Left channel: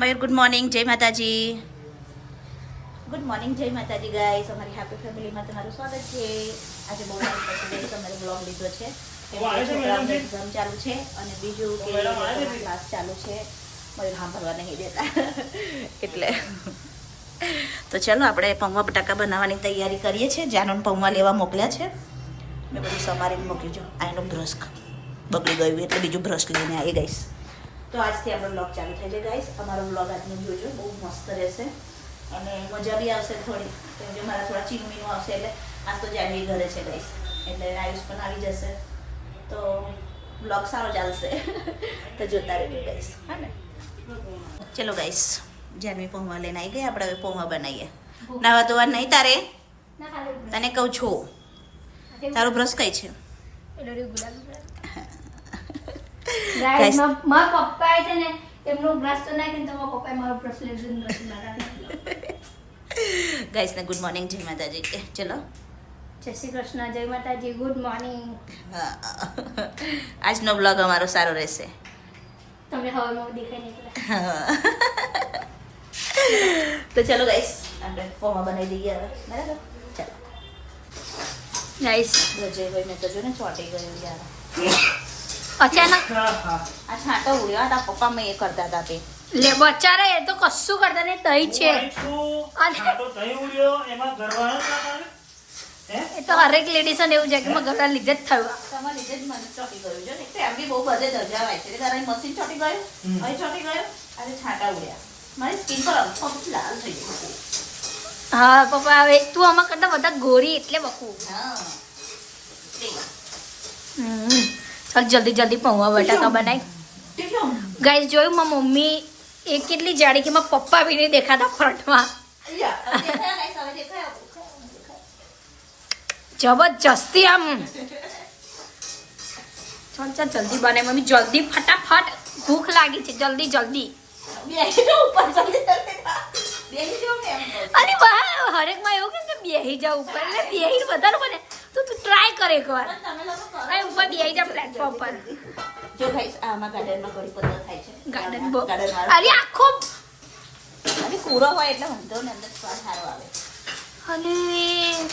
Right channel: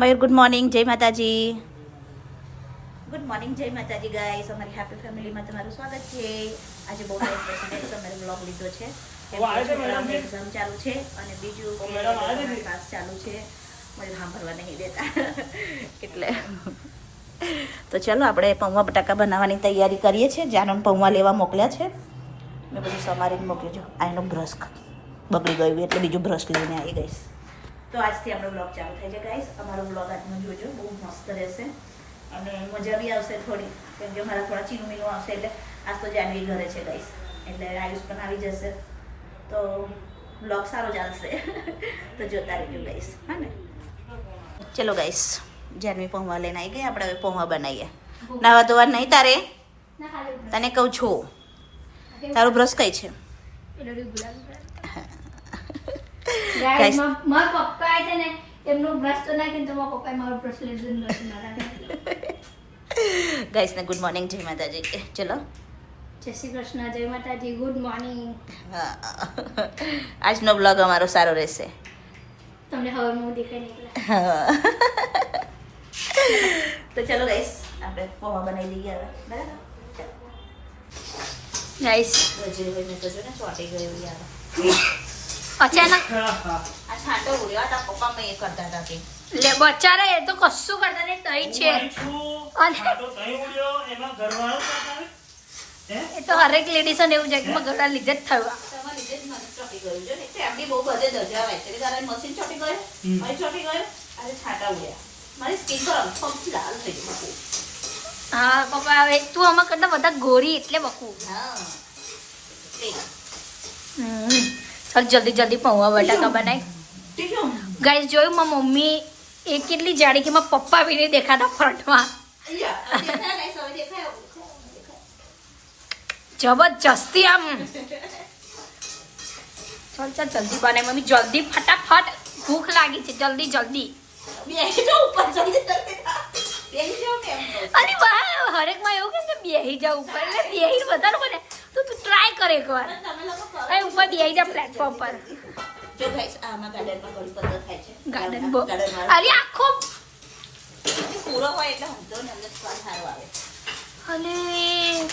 મયુર good morning, જય માતાજી. Good morning, જય માતાજી ગાઈસ. અમારી હેપી ફેમિલીમાં તમારું સ્વાગત છે. આજે બહુ ટાઈમ પછી ગાઈસ અમારે બ્લોગ લીધો છે કેમ કે છોકરાઓની એક્ઝામ ચાલુ છે અને બીજું કે ક્લાસ ચાલુ છે. મયુર સાંભળવા નહીં દેતા એટલે તો ચલો આપણે પૌવા બટાકા બનાવવાની તૈયારી કરીએ છીએ. જાનોને પૌવા લેવા મોકલ્યા છે. મેં બધું સમારીને મોકલ્યું છે. આ એનો બ્રશ બગડી ગયું એટલે બીજું બ્રશ લઈને આવી ગઈશ. તો આજથી આપણો બ્લોગ ચાલુ થઈ જાય ગાઈસ. અમારો બ્લોગ આજનો જોજો, બહુ મસ્ત રહેશે અને મજા બી આવશે થોડી, કેમ કે મારા થોડા ચીનવીનું આવશે. એટલે આજ તો જાનવી ઘરે છે ગાઈસ, એટલે આયુષ પણ આવી જશે તો બ્લોગ સારો ચાલશે. તો જોતા રહેજો ગાઈસ, હા ને. ચલો ગાઈસ, જાનવી પૌવા લઈને આવી ગઈ. આપણે હવે પૌવા બનાવીએ. નાવા ધોવા નહીં તારે? તને કહું છું, તારું બ્રશ કઈ છે? ગાઈસ મારા પપ્પા છે ને, એમનો બ્રશ તો નાખીને તો મારા પપ્પાએ મારો બ્રશ લીધો. ગાઈસ ને ગુડ મોર્નિંગ, જય માતાજી. ચલો, જય શ્રી કૃષ્ણ, જય માતાજી, ગુડ મોર્નિંગ. આજનો બ્લોગ અમારો સારો રહેશે. તમને હવામાં દેખાઈ નીકળે. તો ચલો ગાઈસ, આપણે પૌવા બનાવી દઈએ હવે, બરાબર? ચાલો ગાઈસ રજયભાઈને તો જો ને ચોંટી ગયું યાર. અચાનક આ છાંટો ઉડ્યો હતા પપ્પા, મેં એ કરતા હતા કે લે બચારા, એ તો કશું કરતા નહીં, તઈ છે. અને એ તો હરેક લેડીઝને એવું છે કે મગરના લીધે જ થયું. તમારા લીધે જ મને ચોંટી ગયું છે ને. ફેમિલી બહુ બધે દરજા હોય છે. તારે મશીન ચોંટી ગયું, અહીં ચોંટી ગયું, આજે છાંટા ઉડ્યા. મારી સ્કીન પર આખી લાલ થઈ ગઈ. હા પપ્પા, હવે તું આમાં કરતા બધા ગોરી એટલે બકું. હા ચાલ જલ્દી જલ્દી પૌવા બટાકા બનાવી. ગાઈસ જોયું, મારી મમ્મી એ કેટલી જાડી કે મારા પપ્પા બી નહીં દેખાતા ફ્રન્ટમાં. જબરજસ્તી આમ. ચાલ ચાલ જલ્દી બનાય મમ્મી, જલ્દી ફટાફટ, ભૂખ લાગી છે, જલ્દી જલ્દી. અને બહાર હરેકમાં એવું કે બેહી જાવ ઉપર, એટલે બેહી વધારે બને તો તું ટ્રાય કર એકવાર. અહીં ઉપર બેહી જા પ્લેટફોર્મ પર. જો ગાઈસ, આમાં ગાર્ડનમાં કડી પત્તા થાય છે. ગાર્ડન અરે આખો પૂરો હોય એટલે હમતો ને અંદર સ્વાદ સારો આવે. અરે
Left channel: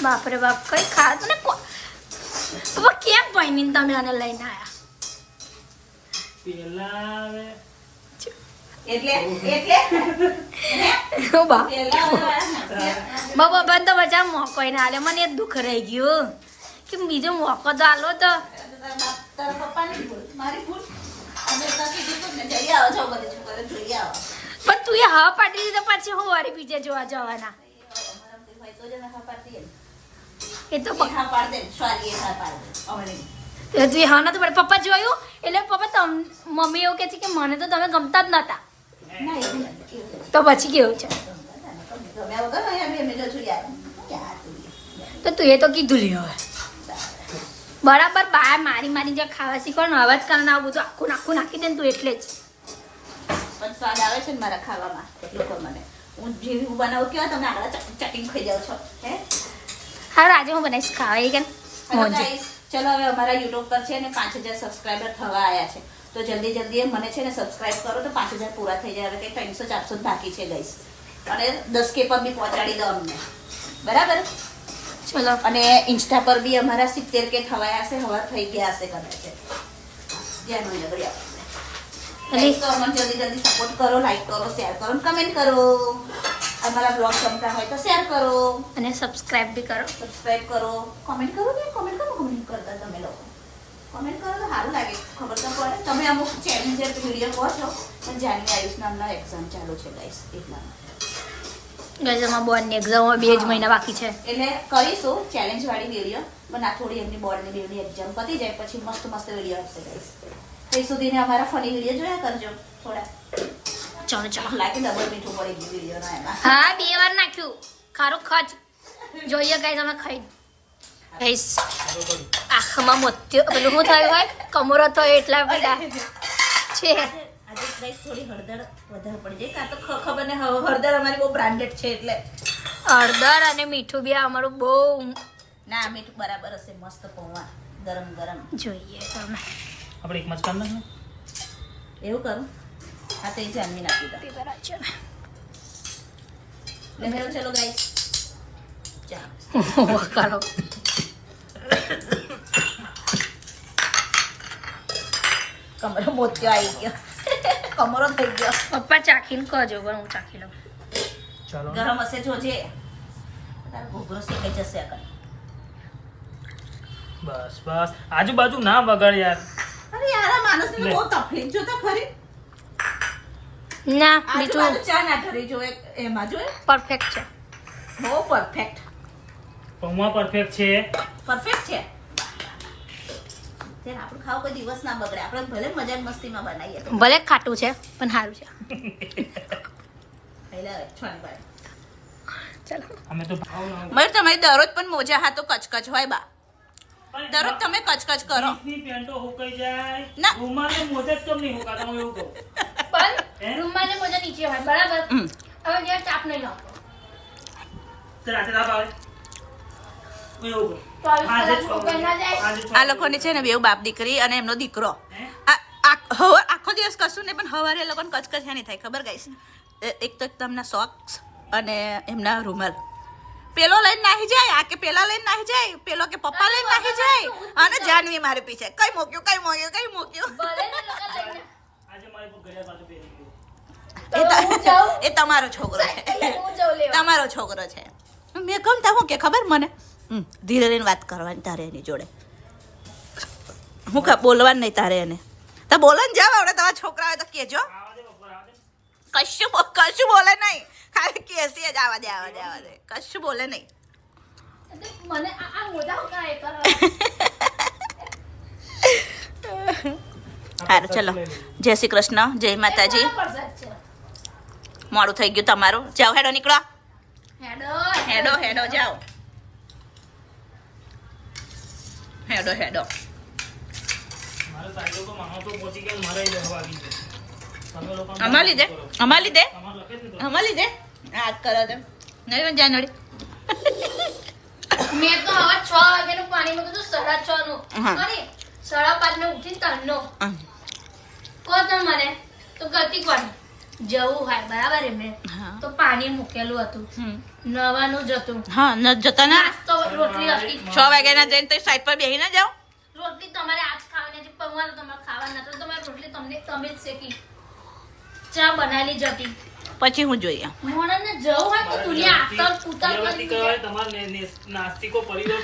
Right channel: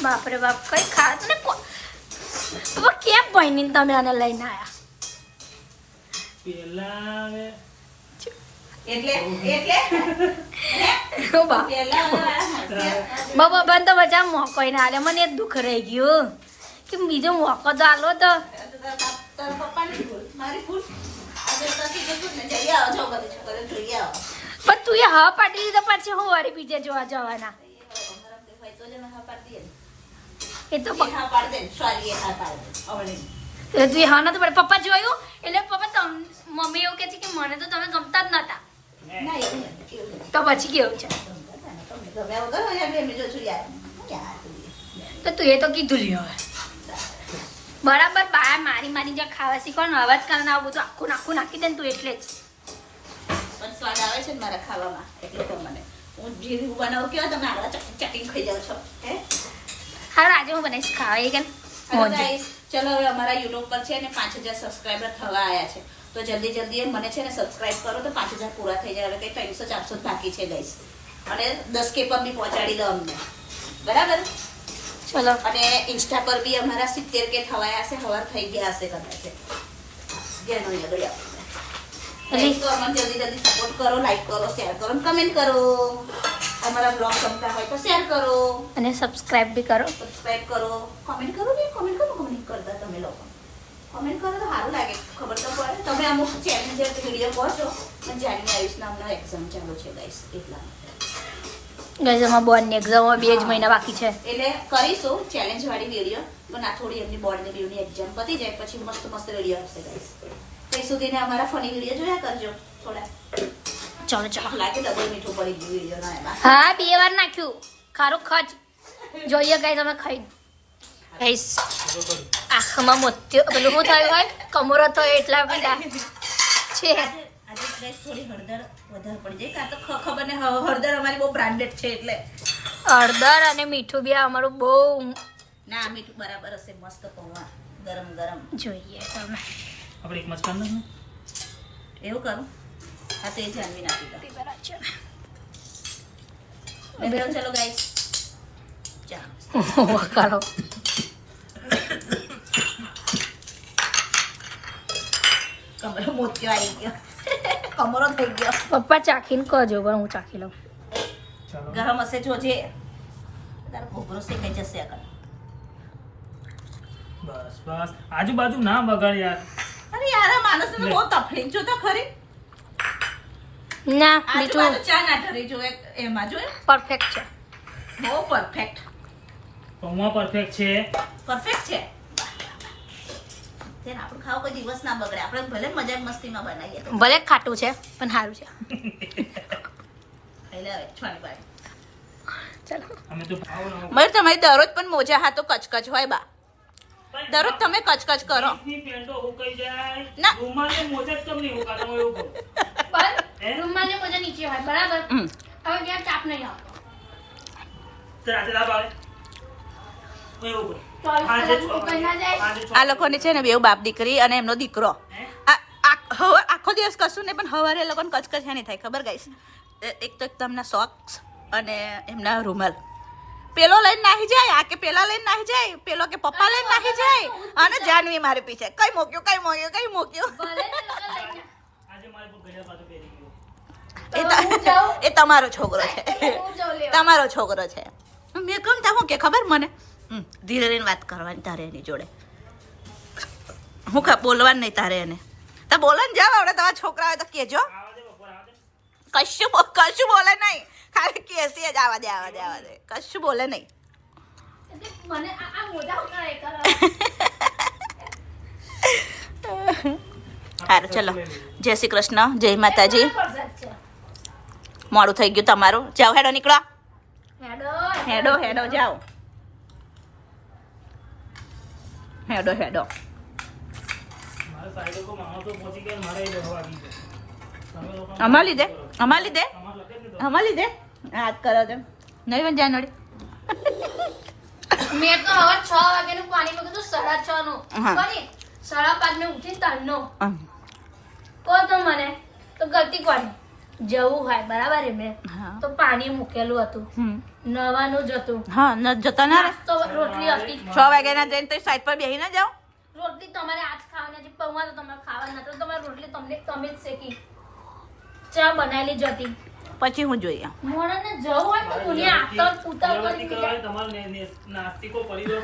બાપરે બાપ, કઈ ખાત ને કેમ બની તમે આને લઈને આયા? બાબા બંધ તો બચા મોકો ને આલે, મને એ દુઃખ રહી ગયું કે બીજો મોકો તો આલો તો. પણ તું એ હા પાડી દીધો, પછી હું વારી બીજે જોવા જવાના? એ તો તું હા નતું પડે. પપ્પા જોયું એટલે પપ્પા મમ્મી એવું કે છે કે મને તો તમે ગમતા જ નતા, તો પછી કેવું છે? તો તું એ તો કીધું લે હવે બરાબર. બહાર મારી મારી જે ખાવા શીખો ને, હવે જ કારણ આવું બધું આખું નાખું નાખી દે ને તું, એટલે જ સ્વાદ આવે છે મારા ખાવામાં. એટલું તો મને હું જેવું બનાવું કેવા તમે આગળ ચટીને ખાઈ જાવ છો. હે હા, આજે હું બનાવીશ ખાવા કે. ચલો હવે અમારા યુટ્યુબ પર છે ને 5000 સબસ્ક્રાઈબર થવા આવ્યા છે. તો જલ્દી જલ્દી મને છે ને સબસ્ક્રાઈબ કરો તો 5000 પૂરા થઈ જાય. હવે કંઈ 300-400 બાકી છે ગાઈસ, અને 10K પર બી પહોંચાડી દો અમને, બરાબર? ચલો. અને ઇન્સ્ટા પર બી અમારા 70K થવાયા હશે, હવા થઈ ગયા હશે કદાચ. ગયા મને લગડી તો અમને જલ્દી જલ્દી સપોર્ટ કરો, લાઈક કરો, શેર કરો, કમેન્ટ કરો. અમારા બ્લોગ ગમતા હોય તો શેર કરો અને સબસ્ક્રાઇબ બી કરો. સબસ્ક્રાઇબ કરો, કમેન્ટ કરો ને. કમેન્ટ કરો, કમેન્ટ કરતા તમે લોકો કમેન્ટ કરો તો સારું લાગે, ખબર તો પડે. તમે અમુક ચેલેન્જર વિડીયો કહો છો, પણ જાની આયુષ નામના એક્ઝામ ચાલુ છે ગાઈસ, એટલા ગાઈસ અમારા બોર્ડની એક્ઝામ 2 જ મહિના બાકી છે, એટલે કરીશું ચેલેન્જ વાળી વિડીયો. પણ આ થોડી એમની બોર્ડની બેવની એક્ઝામ પતી જાય પછી મસ્ત મસ્ત વિડીયો આવશે ગાઈસ. ત્યાં સુધીને અમારા ફની વિડીયો જોયા કરજો થોડા. ચાલો ચાલો. લાગે ડબલ મીઠું પડી ગયું વિડીયો એમાં. હા, 2 વાર નાખ્યું ખારું ખચ. જોઈએ ગાઈસ અમે ખાઈ. ગાઈસ આખમાં મોત્યો પેલું શું થયું હોય, કમરો તો એટલા પીડા છે. આજે ગાઈસ થોડી હળદર વધારે પડી જાય, કાં તો ખબર ને હળદર અમારી બહુ બ્રાન્ડેડ છે એટલે હળદર અને મીઠું બી અમારું બહુ. ના, મીઠું બરાબર હશે, મસ્ત પૌવા ગરમ ગરમ. જોઈએ તમે આપણે એક મસ્ત કામ નહીં એવું કરું આ તે જાનવી નાખી દો. તે બરાબર છે બેહરો ચલો ગાઈસ. ચા વકારો કમરો મોત્યો આવી ગયો. કમરો થઈ ગયો. પપ્પા ચાખીને કહેજો પણ હું ચાખી લઉં ગરમ હશે જોજે. તારો ઘોઘરો શેકાઈ જશે આગળ. બસ બસ આજુબાજુ ના બગાડ યાર. અરે યાર આ માણસને બહુ તકલીફ જો તો ખરી. ના આજુબાજુ મીઠું ચા ના ઠરી જોએ એમાં જોએ પરફેક્ટ છે બહુ પરફેક્ટ. પૌવા પરફેક્ટ છે. પરફેક્ટ છે. ત્યારે આપણું ખાવ કોઈ દિવસ ના બગડે. આપણે ભલે મજાક મસ્તીમાં બનાવીએ. ભલે ખાટું છે પણ સારું છે ખાઈ લે હવે છોની બાઈ. ચાલો અમે તો ભાવ ના મયુર તમારી દરરોજ પણ મોજા હાથો કચકચ હોય બા. દરરોજ તમે કચકચ કરો. ની પેન્ટો હુકાઈ જાય ના. રૂમાલની મોજા કેમ નહીં હુકાતા હું એવું કહું. પણ રૂમાલની મોજા નીચે હોય બરાબર હમ. હવે ત્યાં ચાપ નહીં આવતો તો રાતે ના ભાવે હું એવું કહું. તો આવી આજે કલાક ઉકાઈ ના જાય. આ લોકોને છે ને બેવ બાપ દીકરી અને એમનો દીકરો આખો દિવસ કશું નહીં પણ હવારે એ લોકોને કચકચ નહીં થાય ખબર ગાઈસ. એક તો તમને સોક્સ અને એમના રૂમાલ પેલો લઈને નાહી જાય આ કે પેલા લઈને નાહી જાય પેલો કે પપ્પા લઈને નાહી જાય અને જાનવી મારી પીછે કઈ મૂક્યું કઈ મૂક્યું કઈ મૂક્યું. ભલે ને લગન લઈને. આજે મારી પર ગળા પાછું પહેરી ગયું. તો હું જાઉં. એ તમારો છોકરો છે હું જાઉં લેવા. તમારો છોકરો છે. મેં કહું તા હું કે ખબર મને ધીરે રહીને વાત કરવાની તારે એની જોડે. હું બોલવાનું નહીં તારે એને. તો બોલે ને જાવ હવે તમારા છોકરા હોય તો કહેજો. આવા દે બપોર આવા દે. કશું બોલે નહીં ખાલી કેસી જ આવા દે કશું બોલે નહીં. એટલે મને આ મોજા ઉકાળે કરો. સારું ચલો જય શ્રી કૃષ્ણ જય માતાજી. પરસાદ છે. મોડું થઈ ગયું તમારું. જાઓ હેડો નીકળો. હેડો હેડો જાઓ. હેડો મારા સાઈડ ઉપર માણસો પહોંચી ગયા ને મારા એ દવા આવી ગયા. તમે લોકો અમાર લીધે તમારે લખે જ નહીં તો. હાથ કરો તેમ નહીં જાય નડી. મેં તો હવે 6 વાગ્યાનું પાણી મૂક્યું તો 6:30 નું હા. સોરી 5:30 નું ઉઠીને 3 નો કહો તો મને તો ગલતી કોની જવું હોય બરાબર એમને હા. તો પાણી મૂકેલું હતું નવાનું જ હતું હા ન જતા ના નાસ્તો રોટલી હતી 6 વાગ્યાના જઈને તો સાઈડ પર બેસી ના જાઓ. રોટલી તમારે આજ ખાવાની હતી પૌવા તો તમારે ખાવાના નતા તમારી રોટલી તમે જ શેકી ચા બનાવેલી જ હતી પછી હું જોઈએ. મોણાને જવું હોય તો દુનિયા આતર ઉતાર ઉજાગરતી કરી કરવાની તમારે નાસ્તિકો પરિવાર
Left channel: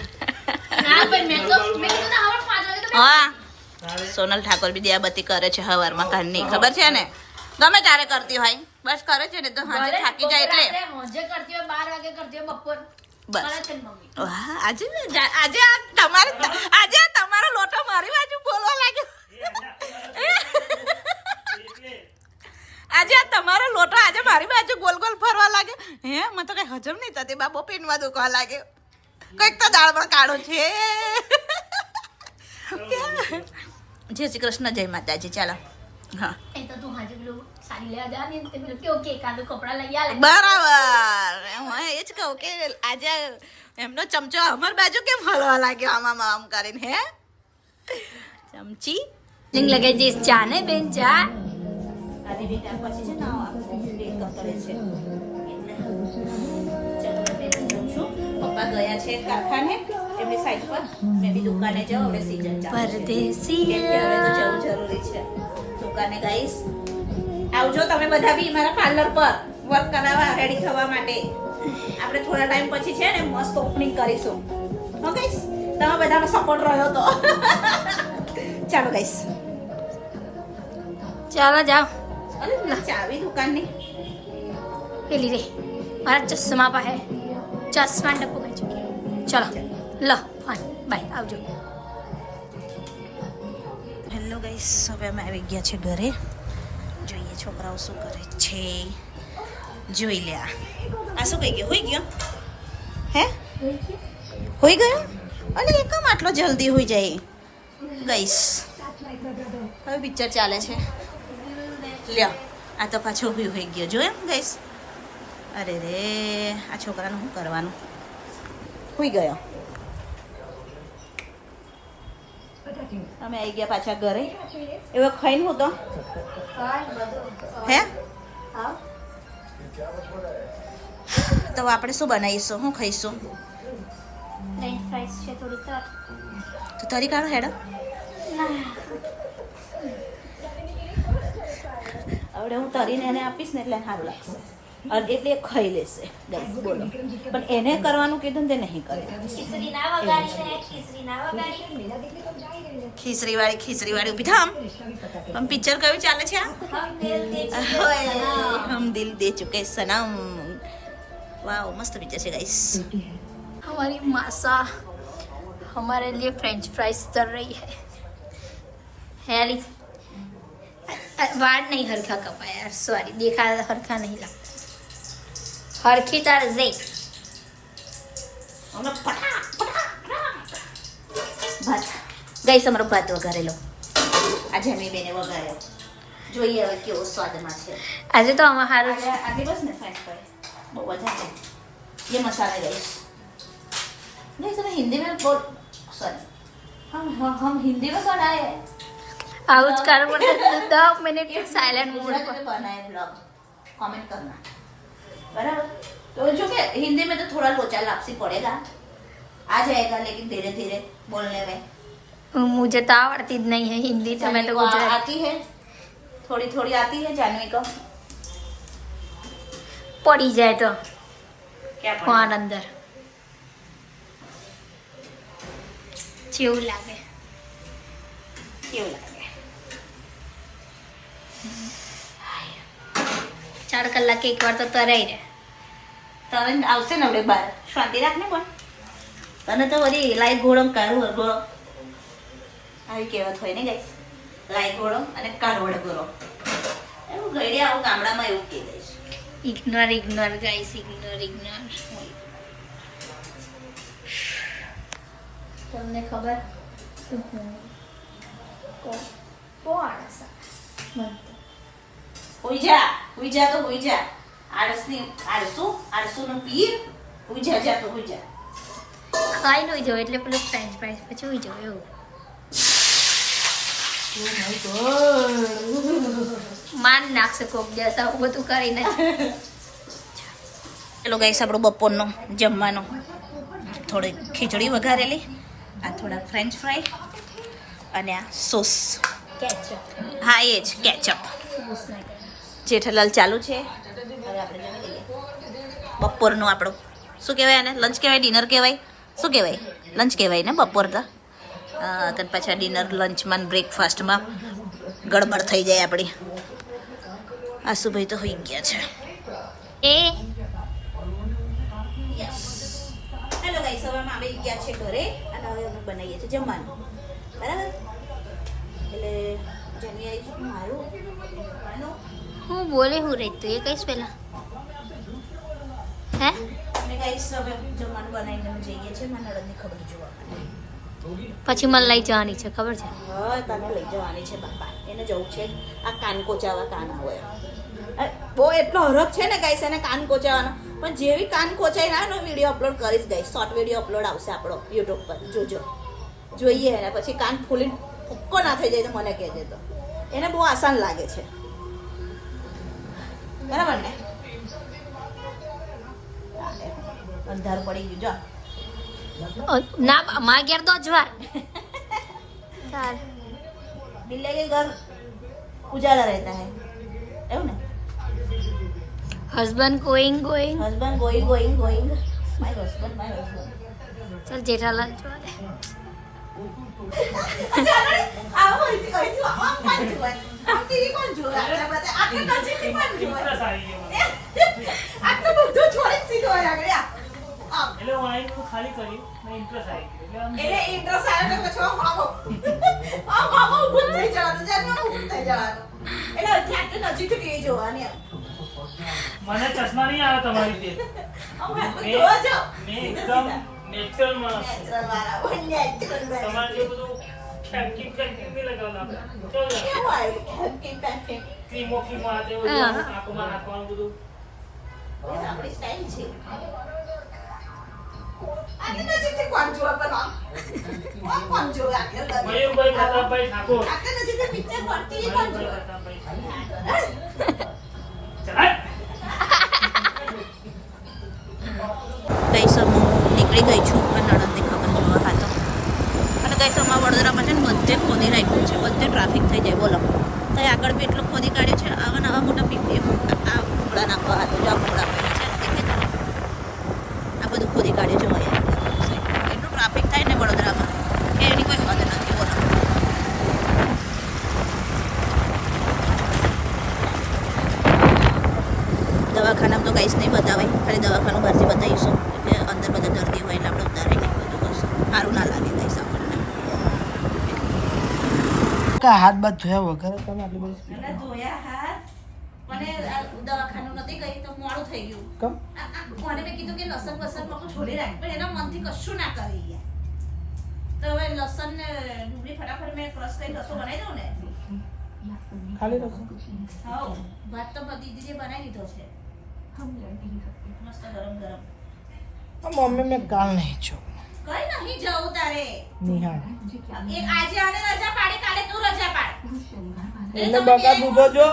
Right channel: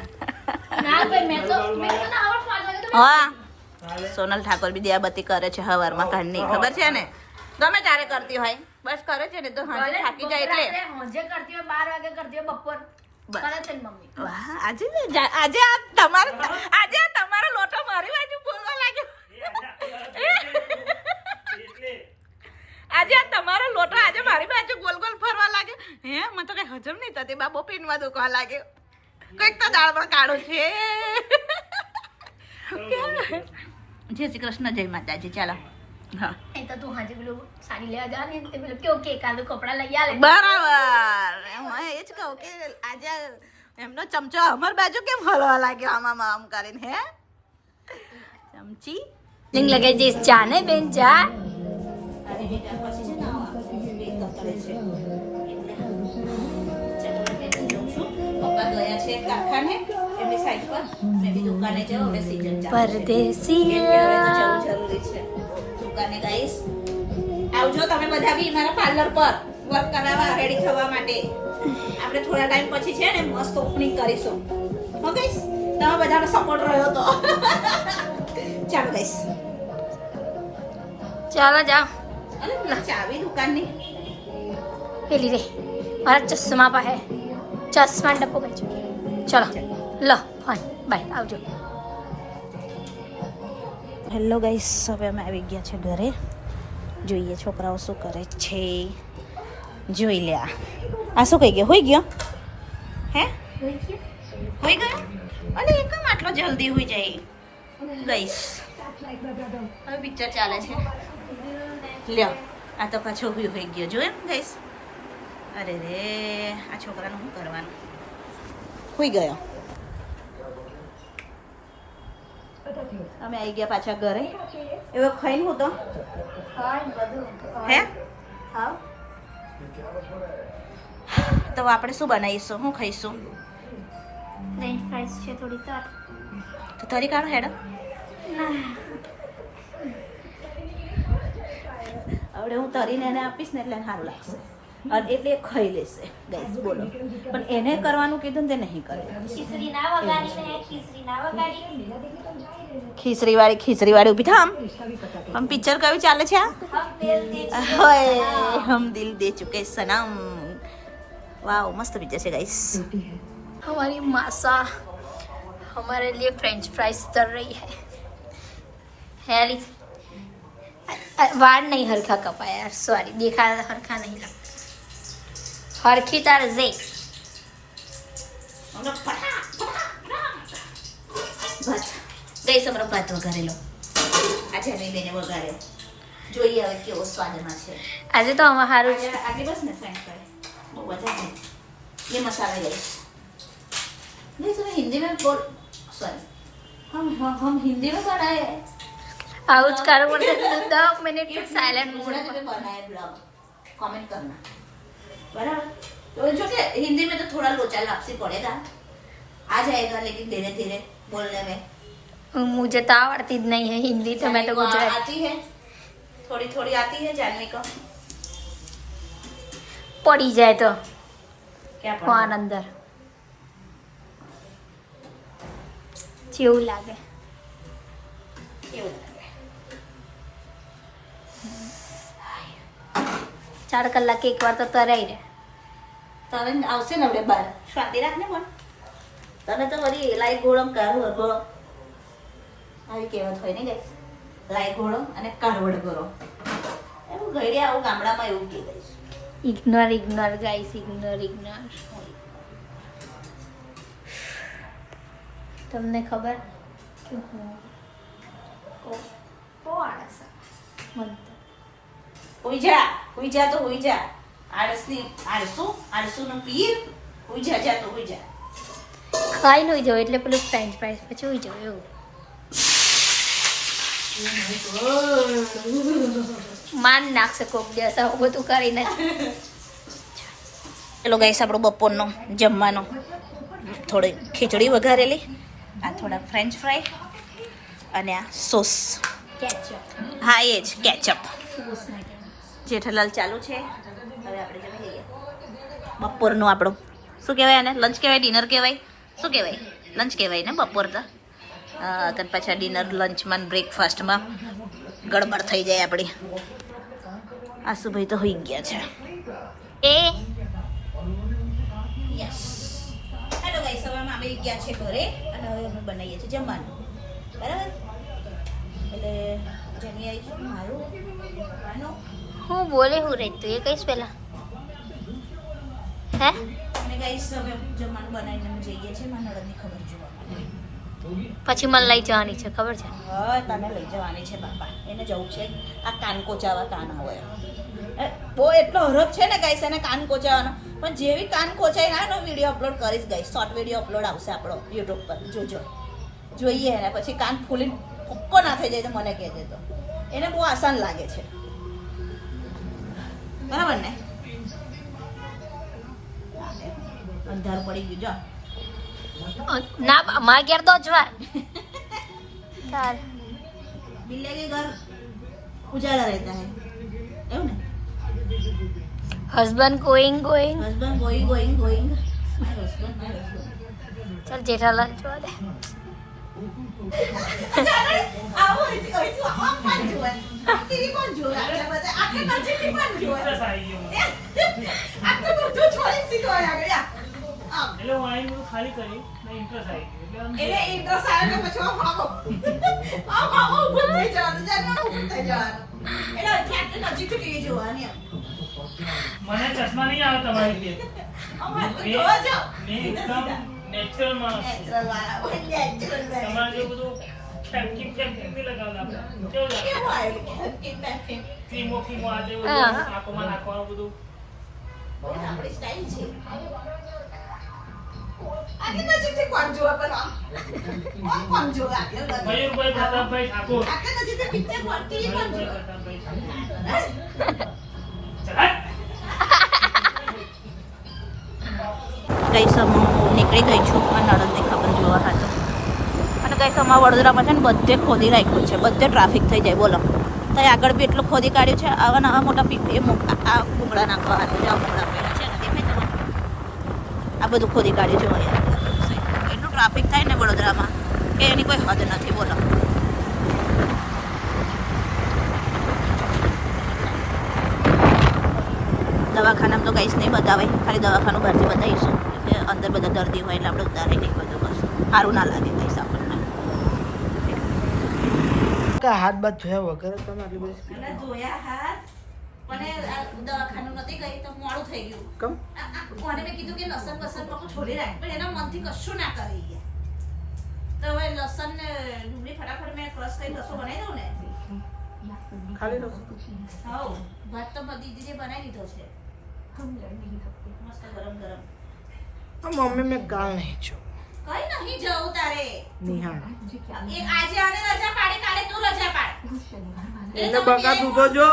ના ભાઈ મેં તો હવે 5 વાગે તો હા આવે. સોનલ ઠાકોર બી દિયાબત્તી કરે છે હવારમાં કાઢની ખબર છે ને ગમે તારે કરતી હોય બસ કરે છે ને તો હાજે થાકી જાય એટલે હોજે કરતી હોય 12 વાગે કરતી હોય બપોર બસ. કરે છે ને મમ્મી વાહ, આજે આ તમારો લોટો મારી બાજુ બોલવા લાગ્યો. એટલે આજે આ તમારો લોટો આજે મારી બાજુ ગોલ ગોલ ફરવા લાગ્યો. હે મને તો કઈ હજમ નહીં થતી બાબો પેનમાં દુખવા લાગ્યો. કઈક તો દાળ પણ કાઢો છે. જય શ્રી કૃષ્ણ જય માતાજી. ચાલો હા એ તો તું હાજે પેલું સાડી લેવા જા ને તે પેલું કેવું કે કાલું કપડા લઈ આલે બરાબર હું એ જ કહું કે આજે એમનો ચમચો અમાર બાજુ કેમ હલવા લાગ્યો આમ કરીને હે ચમચી લિંગ લગાઈ દઈશ ચા ને બેન ચા આજે બેટા પછી છે ને બે તતડે છે પપ્પા ગયા છે કારખાને એમની સાઈડ પર મેં બી દુકાને જાઉં આપણે સીઝન ચાલે છે પરદેસીયા જવું જરૂરી છે દુકાને ગાઈસ આવજો તમે બધા બી મારા પાર્લર પર વર્ક કરાવવા રેડી થવા માટે આપણે થોડા ટાઈમ પછી છે ને મસ્ત ઓપનિંગ કરીશું હો ગાઈસ તમે બધાનો સપોર્ટ રહ્યો તો ચાલો ગાઈસ ચાલો જાઓ અરે ચાવી દુકાનની પેલી રે મારા ચશ્મા પાસે ચશ્મા ડબ્બો બેજો ચલો લો ફોન બાય આવજો હેલો ગાઈસ હવે અમે આવી ગયા છે ઘરે જોઈએ છોકરાઓ શું કરે છે જોઈ લે આ શું કહી ગયો હોઈ ગયો હે હોઈ ગયો અલે એ કેમ આટલો જલ્દી હોઈ જાય ગાઈસ હવે પિક્ચર ચાલે છે લ્યો આ તો પાછો હોઈ ગયો જોયું ગાઈસ અરે રે આ છોકરાનું શું કરવાનું હોઈ ગયો અમે આવી ગયા પાછા ઘરે એવો ખાઈને હું તો હે હા તો આપણે શું બનાવીશું શું ખાઈશું ફ્રેન્ચ ફ્રાઈસ છે થોડી તર તો તરી કાઢો હેડો હવે હું તરીને એને આપીશ ને એટલે એને સારું લાગશે અને એટલે એ ખાઈ લેશે ગાઈસ બોલો પણ એને કરવાનું કીધું ને તે નહીં કરે ખીચડીવાળી ઊભી થામ આમ પિક્ચર કયું ચાલે છે આ હમ દિલ દે ચુકે સનમ वाह मस्त पिक्चर है गाइस हमारी मासा हमारे लिए फ्रेंच फ्राइज तल रही है हेली वार नहीं हरखा कपा यार सॉरी देखा हरखा नहीं लगता हरखी तार जे भात गाइस અમારો ભાત વઘારેલો આજે મેં બેને વઘાર્યો જોઈએ હવે કેવો સ્વાદમાં છે આજે તો અમાર હારું છે आगे बस में फ्रेंच फ्राई वो वजह है ये मसाला गाइस नहीं तो हिंदी में बोल सॉरी हम हिंदी में बनाए हैं आउट करो मतलब 10 मिनट साइलेंट मोड गुजराती में बनाए ब्लॉग कमेंट करना बराबर तो जो कि हिंदी में तो थोड़ा लोचा लापसी पड़ेगा आ जाएगा लेकिन धीरे धीरे बोलने में मुझे तो आवड़ती नहीं है हिंदी तो मैं तो गुजराती आती है थोड़ी थोड़ी आती है जानवी को पड़ी जाए तो क्या फोन अंदर જેવું લાગે કેવું લાગે 4 કલાક એકવાર તો તરાઈ રહે તરન આવશે ને આપણે બાર શાંતિ રાખ ને પણ તને તો વળી લાઈક ઘોડમ કાઢવું ગોળો આવી કહેવત હોય ને ગાઈસ લાઈક ઘોડો અને કાઢવડ ગોળો એવું ગઈડે આવું ગામડામાં એવું કહે guys ignore ignore guys ignore તમને ખબર કે હું કો આળસ મન તો હુઈ જા તો હુઈ જા આળસુનો પીર હુઈ જા તો હુઈ જા ખાઈ નહીં જાવ એટલે પેલું ફ્રેન્ચ ફ્રાઈસ પછી હોઈ જાવ એવું માન નાખશે કોક દિવસ આવું બધું કરીને ચલો ગાઈસ આપણો બપોરનો જમવાનો થોડી ખીચડી વઘારેલી આ થોડા ફ્રેન્ચ ફ્રાય અને આ સોસ કેચઅપ હા એ જ કેચઅપ જેઠાલાલ ચાલુ છે હવે આપણે જમી લઈએ બપોરનું આપણું શું કહેવાય એને લંચ કહેવાય ડિનર કહેવાય શું કહેવાય લંચ કહેવાય ને બપોર તો અને પાછા ડિનર લંચમાં બ્રેકફાસ્ટમાં ગડબડ થઈ જાય આપણી આશુભાઈ તો હોઈ ગયા છે એ હેલો ગાઈસ હવે અમે આવી ગયા છે ઘરે અને હવે અમે બનાવીએ છીએ જમવાનું બરાબર એટલે જમી આવી છું મારું હું બોલે હું રહી તું એ કહીશ પેલા હે અમે ગાઈસ હવે જમવાનું બનાવીને અમે જઈએ છીએ મારા નળદની ખબર જોવા માટે પછી મને લઈ જવાની છે ખબર છે હા તને લઈ જવાની છે બાપા એને જવું છે આ કાન કોચાવા કાન હોય બહુ એટલો હરખ છે ને ગાઈસ એને કાન કોચાવાનો પણ જેવી કાન કોચાઈ ના વિડીયો અપલોડ કરીશ ગાઈસ શોર્ટ વિડીયો અપલોડ આવશે આપણો યુટ્યુબ પર જોજો જોઈએ એને પછી કાન ફૂલીને ફૂક્કો ના થઈ જાય તો મને કહેજે તો એને બહુ આસાન લાગે છે બરાબર ને અંધારું પડી ગયું જો ના મારા ઘેર તો જ વાર તાર बिल्ले के घर उजाला रहता है એવું ને husband going husband going my husband ચાલ જેઠાલાલ જોવા દે આવો હતી કહી તું આમ કોણ જોવે ટીવી કોણ જોવે આટલા બધા આટલા નજીકથી કોણ જોવે આ તો બધું છોડી સીધો લાગે આમ એટલે વાઈન નું ખાલી કરી ને ઇન્ટરેસ્ટ આવી ગયો એટલે ઇન્ટ્રો સારો ને પછી આમ ઊભું થઈ જવાનું જાને ઊભું થઈ જવાનું એટલે આટલા નજીકથી ટીવી જોવાની મને ચશ્મા નહીં આવે તમારી કે આમ જોવા જાઓ મેં એકદમ નેચરલ માણસ છું. નેચરલ વાળા હોય નેચરલ તમારે જેવું બધું ફેંકી નહીં લગાવવાનું આપણે કેવું લાગે? કેવું આવ્યું કેમ પેક ક્રીમો આ તેવું હા. આંખોમાં નાખવાનું બધું આપણી સ્ટાઈલ છે આગે નજીકથી કોણ જોવા પેલા કોણ જોવા મયુરભાઈ પ્રતાપભાઈ ઠાકોર આગે નજીકથી પિક્ચર પડતી કોણ જોવા ગઈસમ હું નીકળી ગઈ છું નણંદની ખબર જોવા હતો અને ગઈસમમાં વડોદરામાં છે ને બધે ખોદી રાખ્યું છે બધે ટ્રાફિક થઈ જાય બોલો તો આગળ બી એટલું ખોદી કાઢ્યું છે આવા નવા મોટા આ ભૂંગળા નાખવા હતો જો ભૂંગળા પહેલા છે દેખાય આ બધું ખોદી કાઢ્યું છે અહીંયા એટલું ટ્રાફિક થાય ને વડોદરામાં કે એની કોઈ હદ નથી બોલો દવાખાનામાં તો કંઈ જ નહીં બતાવાય ખાલી દવાખાનું બહારથી બતાવીશું એટલે અંદર બધા દર્દી હોય એટલે આપણે ઉતારે નહીં બધું કશું સારું ના લાગે કહીશ આપણને હાથ બાદ ધોયા વગર તમે આટલી બધી અને ધોયા હાથ પણ દવાખાનું નથી ગઈ તો મોડું થઈ ગયું કમ કોને મેં કીધું કે લસણ બસણ માં છોડી રાખ પણ એના મનથી કશું ના કરી ગયા તો હવે લસણ ને ડુંગળી ફટાફટ મેં ક્રશ કરી રસો બનાવી દઉં ને ખાલી રસો હાઉ ભાત તો બધી દીદીએ બનાવી દીધો છે મસ્ત ગરમ ગરમ મમ્મી મેં કાલ નહીં જો કઈ નહીં જવું તારે નિહાળ એક આજે આને રજા પાડે કાલે તું રજા પાડ એટલે બકા તું તો જો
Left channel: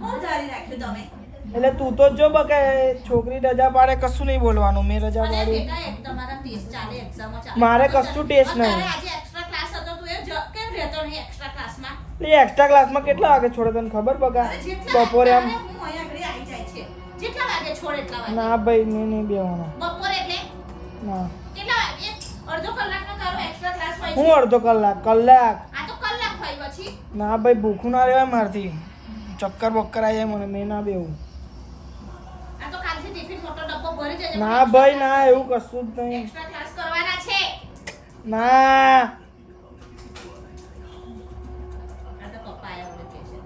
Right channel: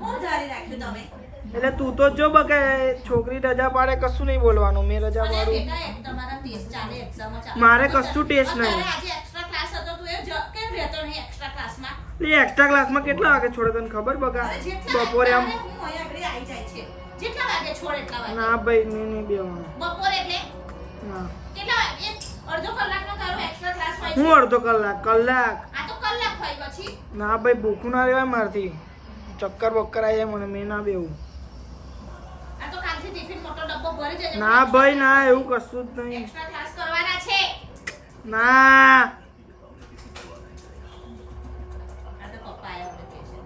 હું ધારી રાખ્યું તમે એટલે તું તો જો બકા છોકરી રજા પાડે કશું નહીં બોલવાનું મેં રજા અને પાડું બેટા એક તમારા ટેસ્ટ ચાલે એક્ઝામ ચાલે મારે કશું ટેસ્ટ નહીં. તારે આજે એક્સ્ટ્રા ક્લાસ હતો તું એ કેમ રહેતો નહીં એક્સ્ટ્રા ક્લાસમાં એટલે એક્સ્ટ્રા ક્લાસમાં કેટલા વાગે છોડે તને ખબર બકા અરે જેટલા બપોરે આમ હું અહીંયા આગળ આવી જાય છે જેટલા વાગે છોડ એટલા વાગે ના ભાઈ નહીં બેવાનું બપોરે એટલે ના કેટલા વાગે અડધો કલાકનો તારો એક્સ્ટ્રા ક્લાસ હોય હું છે અડધો કલાક આ તો કલાક હોય પછી ના ભાઈ ભૂખું ના રહેવાય મારથી ચક્કર બક્કર આવી જાય મને મેં ના બેવું આ તો કાલથી ટિફિન મોટો ડબ્બો ભરી જજે ના ભાઈ ના એવું કશું જ નહીં એક્સ્ટ્રા ક્લાસ કરવાના છે ના આ તો પપ્પા આયા વડે કે છે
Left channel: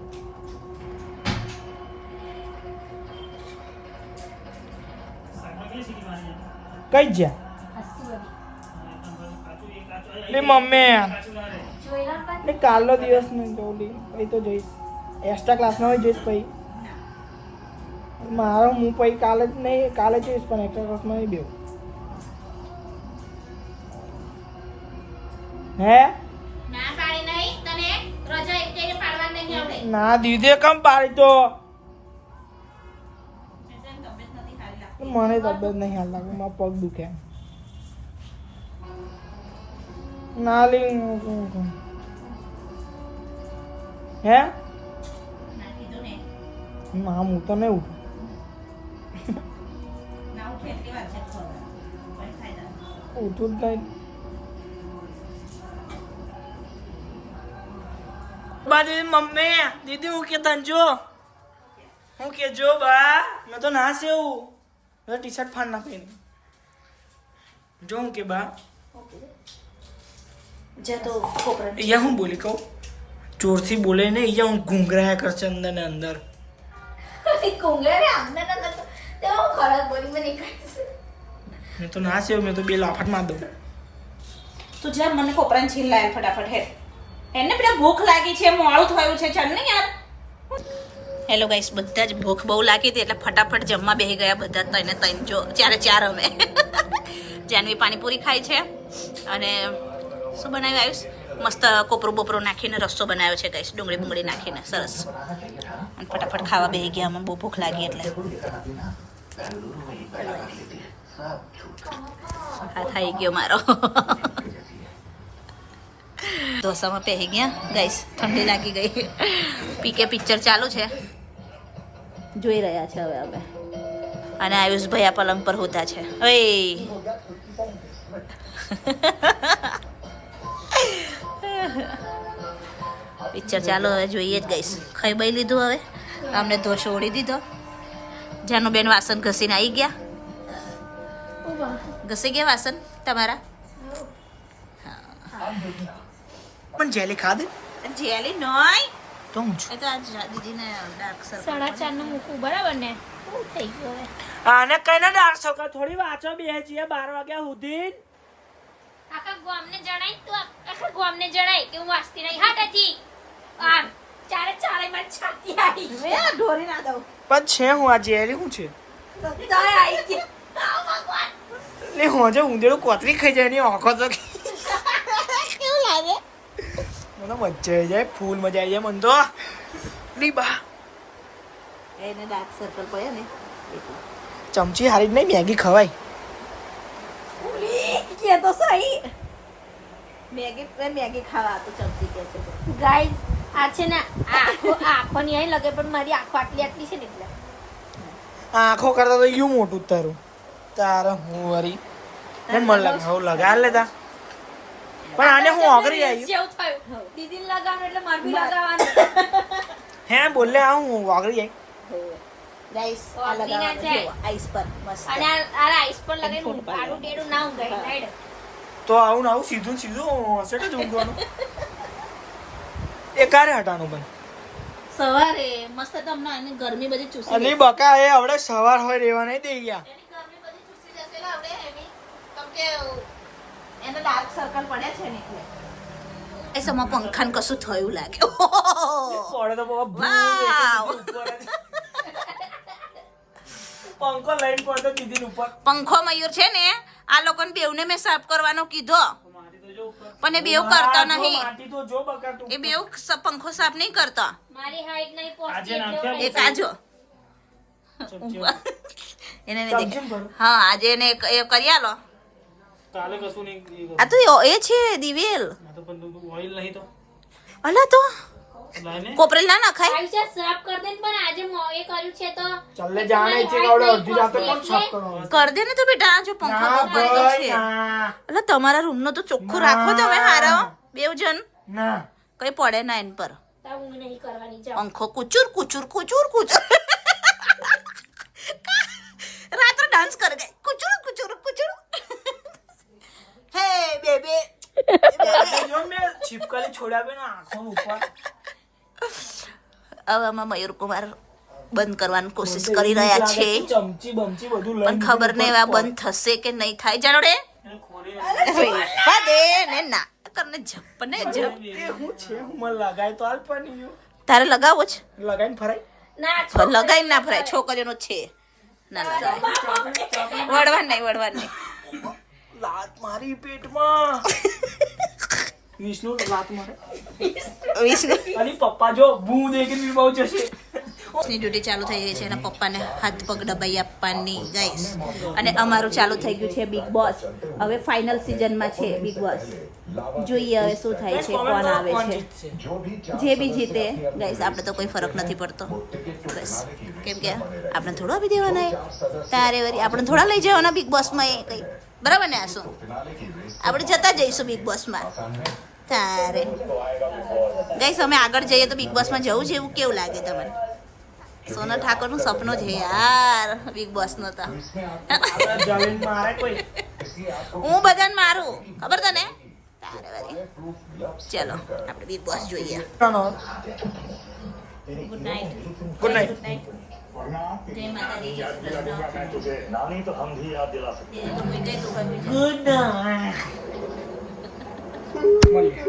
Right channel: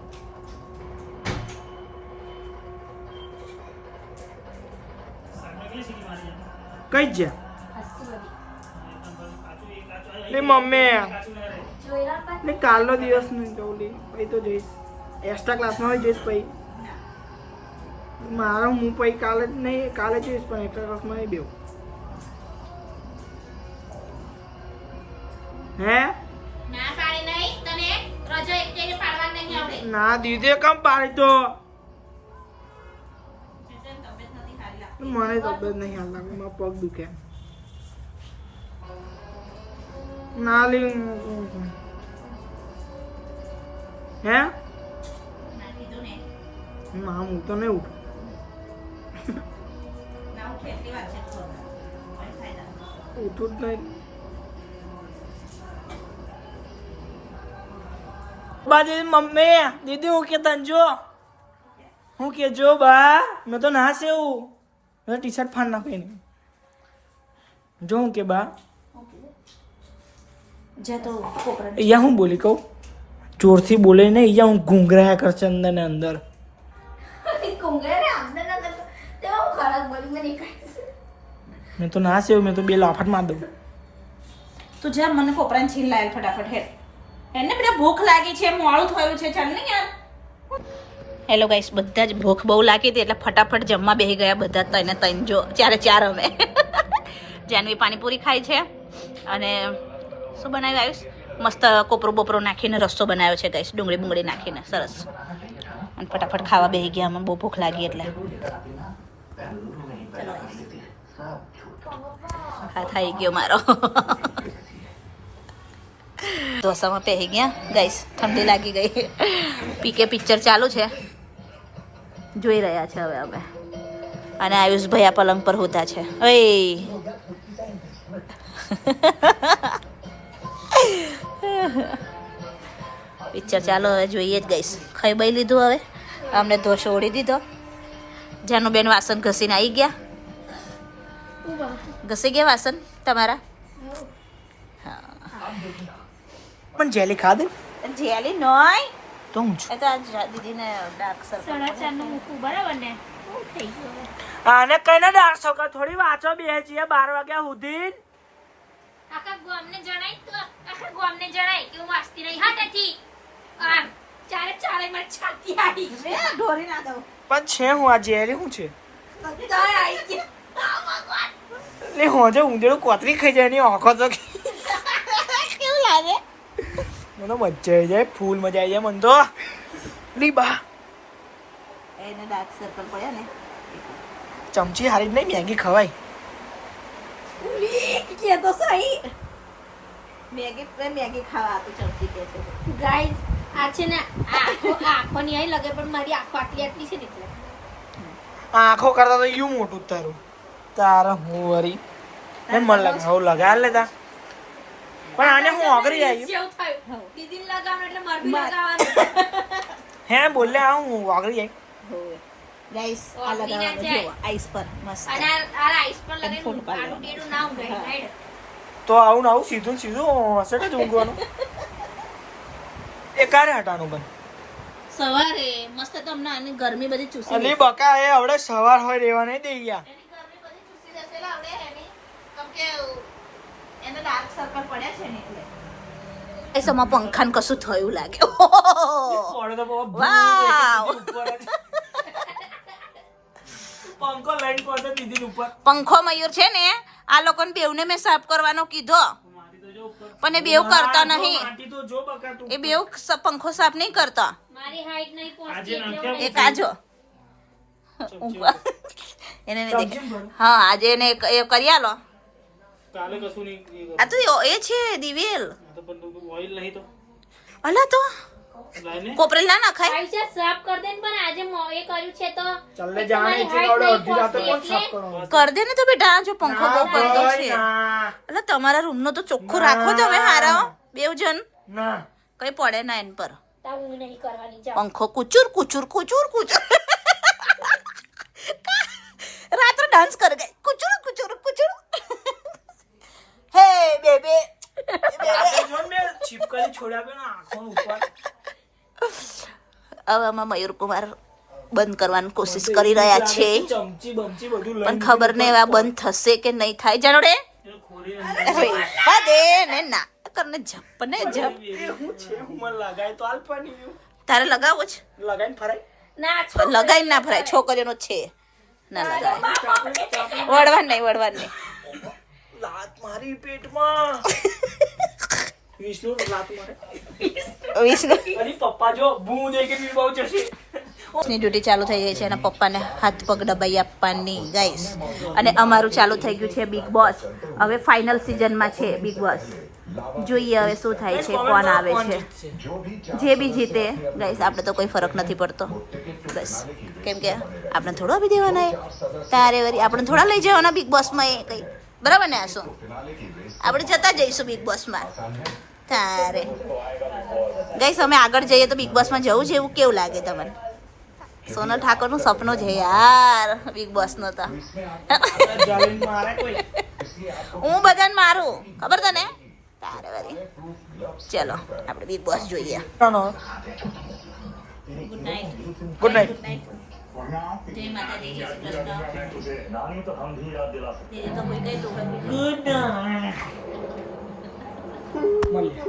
કઈ જ્યાં લે મમ્મી ને કાલનો દિવસ નહીં જવું પછી તો જઈશ એક્સ્ટ્રા ક્લાસમાં હોય જઈશ પછી મારો હું પછી કાલે જ નહીં કાલે જઈશ પણ એક્સ્ટ્રા ક્લાસમાં નહીં બેવું હે ના પાડી નહીં તને રજા એક જગ્યાએ પાડવા નહીં આવડે ના દીદે કમ પાડી તો તને તબિયત નથી સારી લાગતી મને તબિયત નહીં હાલ લાગે મારા પગ દુખે ના લી હે ના કીધું ને ના હું તો નહીં ઉઠું ના ઉઠે એટલી વાત છે તો કોઈ ફાયદા ઉઠું જ નહીં બા દીદી મમ્મી દીદી હું કે તને જો હું કે જો બા મેં તો ના સેવું મેં ટી શર્ટ ફાડ નાખી જો હું કે બા જે તો છોકરા અહીંયા હું બોલી કહું જોરથી બોલે ને અહીંયા હું ઘૂંઘરાયા કરશે અંદર ને અંદર મેં તો ના સેવું મેં તો બે લાફાટ માર દઉં તું જા મને કોપરાને છીલ લાય ફટાફટ હેડ એને પેલા ભૂખ લાગી છે મોડું થયું છે ચાલ ને યાર હેલો ગાઈસ બધા જ ભૂખ બહુ લાગી હતી એટલે ફટાફટ જમવા બેસી ગયા બધા ત્રણે ત્રણ જો ચાર અમે જાનવી પાણીપુરી ખાય છે અને શું બનાવ્યું આયુષ મસ્ત કોપરું બોપરું નાખીને રસ્સો બનાવ્યો છે ગાઈસ ડુંગળી બુંગળી નાખીને સરસ અને ફટાફટ ખાવા બેસી ગયા અમને બહુ ભૂખ લાગી એટલે હા થઈ ગયો મારો ઢોસામાં પહેરી ગયા ગાઈસ ઠંડી લાગી ગઈ પીકે પિક્ચર ચાલુ છે જોઈ રહ્યા છે હવે અમે અને આયુષભાઈ આ પલંગ પર હોતા છે ઓય પિક્ચર ચાલો હવે જોઈએ જ ગઈશ ખાઈ બાઈ લીધું હવે અમને ઢોસો ઓળી દીધો જાનું બેન વાસણ ઘસીને આવી ગયા ઘસી ગયા વાસણ તમારા પણ જેલી ખાધે જેલી નોય તો હું છું એ તો આજ દીદીને ડાર્ક સર્કલ 4:30 નું મૂકું બરાબર ને શું થઈ ગયું હવે? આને કઈને ડાર્ક સર્કલ થોડી વાંચો બે છીએ 12 વાગ્યા સુધી આખા ગામને જણાય તો આખા ગામને જણાય કે હું વાસ્તી નહીં હાટેથી આમ ચારે માં છાતી આવી મે ઢોરી ના દઉં પણ છે હું આ જેરી હું છે તાય આવી ગયા આ ભગવાન લે હોજે ઊંધેડું કોતરી ખાઈ જાય એની આંખો તો કેવું લાગે? મને મજા આવી જાય ફૂલ મજા આવી જાય મને તો લી બા એને ડાર્ક સર્કલ પડ્યા ને એટલે. ચમચી હારી જ નહીં મેગી ખવાય કે તો સહી મેગી ખાવા આપું ચમચી કે છે. ગાઈઝ આ છે ને આંખો નહીં અહીં લગે પણ મારી આંખો આટલી છે ને એટલે આંખો કરતા તો યું મોટું જ તારું તારા હું વરી ને મને લાગે હવે લગાડ લેતા પણ આને હું અઘરી આવી દીદીને લગાવવાનું એટલે મારે બી લગાવવાનું. હે બોલે આ હું અઘરી આવી ગાઈસ આ ઓગળી ના લગાવવાનું જાય. જુઓ આઈસ પર મસ્ત. અને આ આઈસ પર ફોટો લગાવીને પાડવાનો. આડું ટેડું ના ઊંઘાય રાઈડ. તો આવું ને આવું સીધું ને સીધું હશે કે જ ઊંઘવાનું એ ક્યારે હટાનું પણ સવારે મસ્ત તમને આની ગરમી બધી ચૂસી અલી બકા એ હવે સવાર હોય રેવા નહીં દે ગયા એને ડાર્ક સર્કલ પડ્યા છે ને એટલે. એ સમા પંખાને કશું થયું લાગે. ઓહો! પડે તો બાબા વાવ! પંખો લઈને પડતો દીદી ઉપર પંખો મયુર છે ને આ લોકોને બેવને મેં સાફ કરવાનો કીધો પણ એ બેવ કરતા નહીં. માટી તો જો બકા તું એ બેવ પંખો સાફ નહીં કરતા. મારી હાઈટ નહીં આજે પહોંચતી નાખ્યા એ કાજો એને નહીં દેખ. હા આજે એને એ કરી આલો. કાલે કશું નહીં આ તો એ છે દિવેલ. તો પણ ઓઇલ નહીં તો અલા તો લાઈને કોપરેલ ના નાખાય. આયુષ્ય સાફ કર દે ને પણ આજે એ કર્યું છે તો ચાલે જાણે છે કાવડે અડધી રાતે કોણ સાફ કરવાનું કર દે ને તો બેટા જો પંખો બહુ ગંદો છે. ના એટલે તમારા રૂમ નો તો ચોખ્ખો રાખો તમે હારા બેવ જણ ના કઈ પડે ના એન પર. તા ઊંઘ નહીં કરવાની જાઓ. પંખો કુચુર કુચુર કુચુર કુચુર રાત્રે ડાન્સ કરે ગઈ કુચુર કુચુર કુચુર. હે બેબે જો મેં છીપકલી છોડ્યા બે ને આંખો ઉપર હવે આમાં મયુરકુમાર બંધ કરવાની કોશિશ કરી રહ્યા છે ચમચી બમચી બધું પણ ખબર નહીં આ બંધ થશે કે નહીં થાય જાણો રે. રેવા દે ને ના કરને જપ ને જપ. હું છે હું મને લગાય તો હાલ પણ નહીં તારે લગાવો છે લગાઈને ફરાય ના લગાઈ ના ભરાય છોકરીઓનો છે ના લગાય વળવાન નહીં લાત મારી પેટમાં વિષ્ણુ લાત મારે વિષ્ણુ અને પપ્પા જો ભૂ દે કે બહુ જશે ની ડ્યુટી ચાલુ થઈ ગઈ છે અને પપ્પાને હાથ પગ દબાઈ આપવાની ગાઈસ. અને અમારું ચાલુ થઈ ગયું છે બિગ બોસ. હવે ફાઇનલ સિઝનમાં છે બિગ બોસ. જોઈએ હવે શું થાય છે કોણ આવે છે જે બી જીતે ગાઈસ આપણે તો કોઈ ફરક નથી પડતો બસ કેમ કે આપણે થોડું આપી દેવાના એ તારે વરી આપણે થોડા લઈ જવાના બિગ બોસમાં એ કઈ બરાબર ને આશું આપણે જતા જઈશું બિગ બોસમાં તારે ગાઈસ અમે આગળ જઈએ તો બિગ બોસમાં જવું છે એવું કેવું લાગે તમને? સોનલ ઠાકોરનું સપનું છે યાર બિગ બોસનો તો. જમીન મારે કોઈ હું બધાને મારું ખબર તને તારે વરી. ચલો આપણે બિગ બોસ જોઈએ. Good night. ગુડ નાઇટ જય માતાજી જય શ્રી કૃષ્ણ. ગુડ નાઇટ મળીએ